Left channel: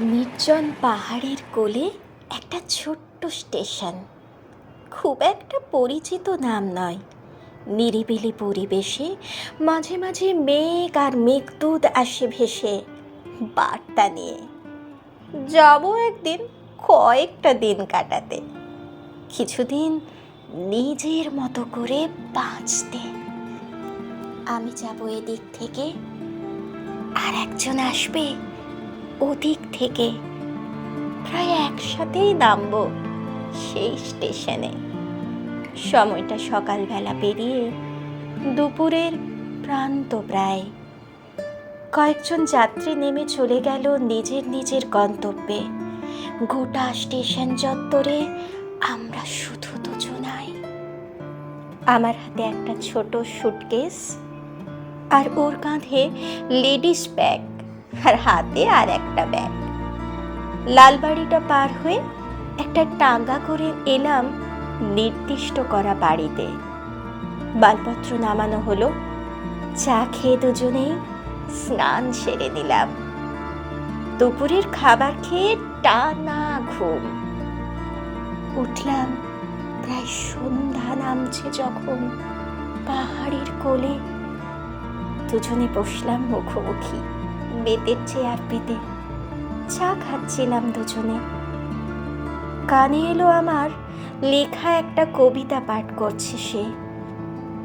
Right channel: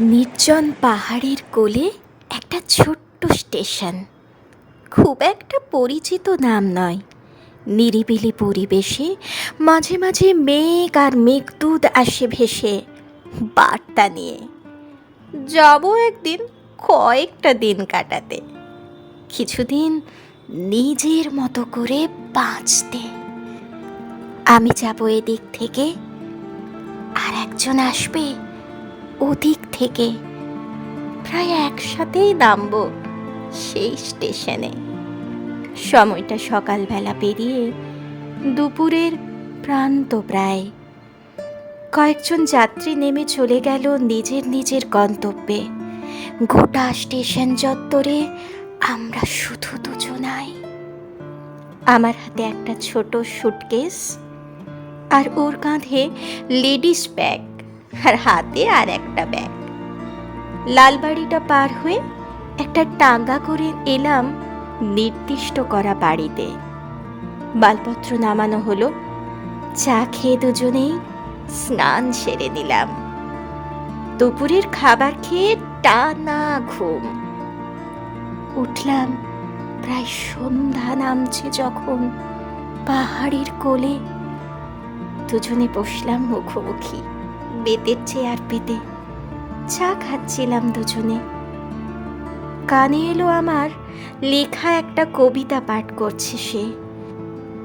নির্জন পাহাড়ের কোলে একটা ছোট্ট স্টেশন। খুব একটা পরিচিত নাম নয়। নিরিবিলি পরিবেশে মাঝে মাঝে মেঘ আর মেঘদূত আসে ভেসে। বার্তা নিয়ে। যাব একদিন কয়েকটা দিন কাটাতে। কিছুদিন নিজের মতো করে বাঁচতে। আমি যাব এদিক থেকে। আর একজন আসবে। ওদিক থেকে প্রায় একসাথেই নামবো সেই স্টেশনে। সময়টা সকালবেলা পেরিয়ে দুপুরের প্রান্ত প্রায়। কয়েকজন যাত্রী নেমে চলে গেল নিজের নিজের গন্তব্যে। গোটা স্টেশন চত্বরে আমরা শুধু দুজনাই। আমার হাতে একটা ছোট সুটকেস আর ওর কাঁধে লেডিস ব্যাগ। আর হাতে আর একটা ব্যাগ। লালবাড়িটা পার হয়ে একটা টাঙ্গা করে এলাম নির্দিষ্ট করা বাড়িতে। বালপত্র নামানো হলো। চা খেয়ে দুজনেই স্নান সেরে নিলাম। দুপুরের খাবার খেয়ে টানা ঘুম। উঠলাম, প্রায় সন্ধ্যা নামছে যখন পাহাড়ের কোলে। দুজনে বসলাম মুখোমুখি। বেতের চেয়ার পেতে চা খাচ্ছিলাম দুজনে। কানে এলো আমার লেখা একটা কবিতা পাঠ করছে সে,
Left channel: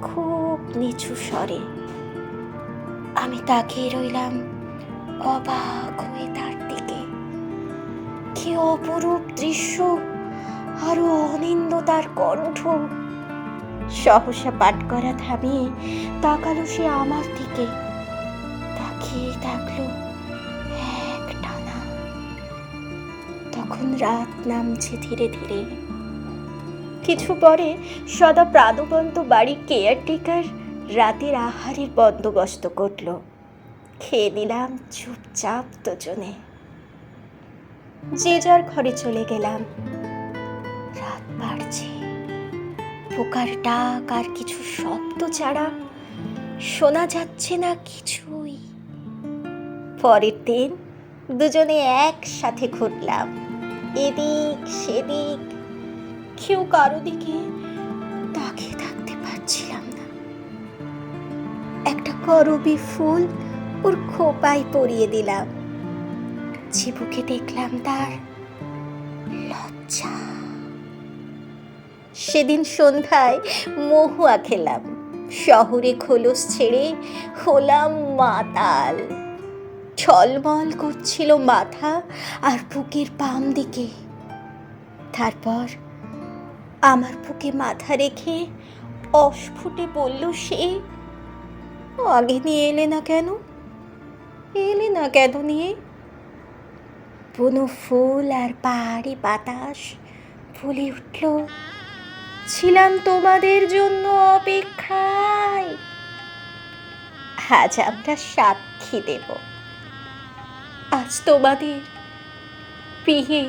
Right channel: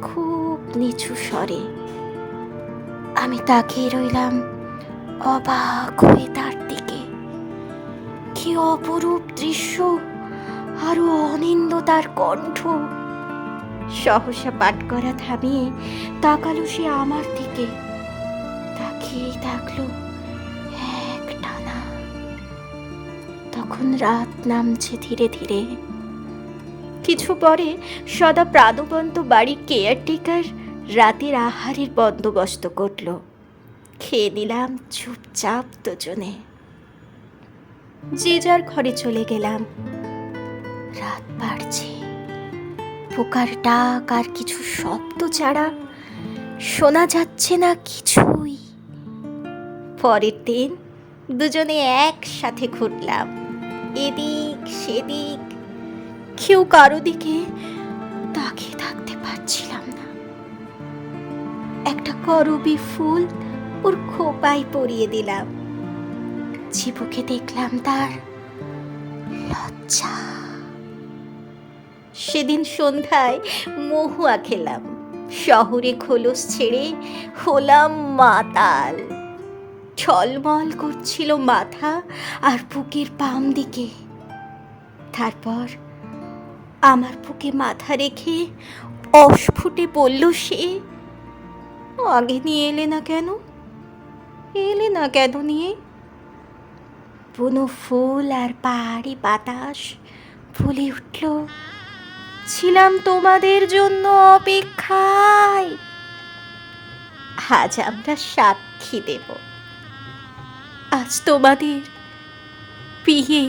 খুব নিচু স্বরে। আমি তাকিয়ে রইলাম অবাক হয়ে তার দিকে। কি অপরূপ দৃশ্য, আরও অনিন্দ তার কণ্ঠ। সহসা পাঠ করা থামিয়ে তাকালো সে আমার দিকে। তাকিয়ে থাকল এক টানা তখন রাত নামছে ধীরে ধীরে। কিছু পরে সদা প্রাণবন্ত বাড়ির কেয়ারটেকার রাতের আহারের বন্দোবস্ত করল। খেয়ে নিলাম চুপচাপ দুজনে। যে যার ঘরে চলে গেলাম। রাত বাড়ছে। পোকার ডাক আর কিছু শব্দ ছাড়া শোনা যাচ্ছে না কিছুই। পরের দিন দুজনে একসাথে ঘুরলাম। এদিক সেদিক কেউ কারও দিকে তাকিয়ে থাকতে পারছিলাম না। একটা করবি ফুল ওর খোপায় পরিয়ে দিলাম। চিবুকে দেখলাম তার লজ্জা। সেদিন সন্ধ্যায় মহুয়া খেলাম। শহরে খোলস ছেড়ে হলাম মাতাল। ছলমল করছিল মাথা আর বুকের বাম দিকে। তারপর আমার বুকে মাথা রেখে অস্ফুটে বলল, সে আগে নিয়ে এলে না কেন? এলে না কেন নিয়ে? বুনো ফুল আর পাহাড়ি বাতাস ফুলে উঠল। ছিলাম তোমাদের জন্য অপেক্ষায়। আজ আমরা সাক্ষী দেব। আজ তোমাদের বিয়ে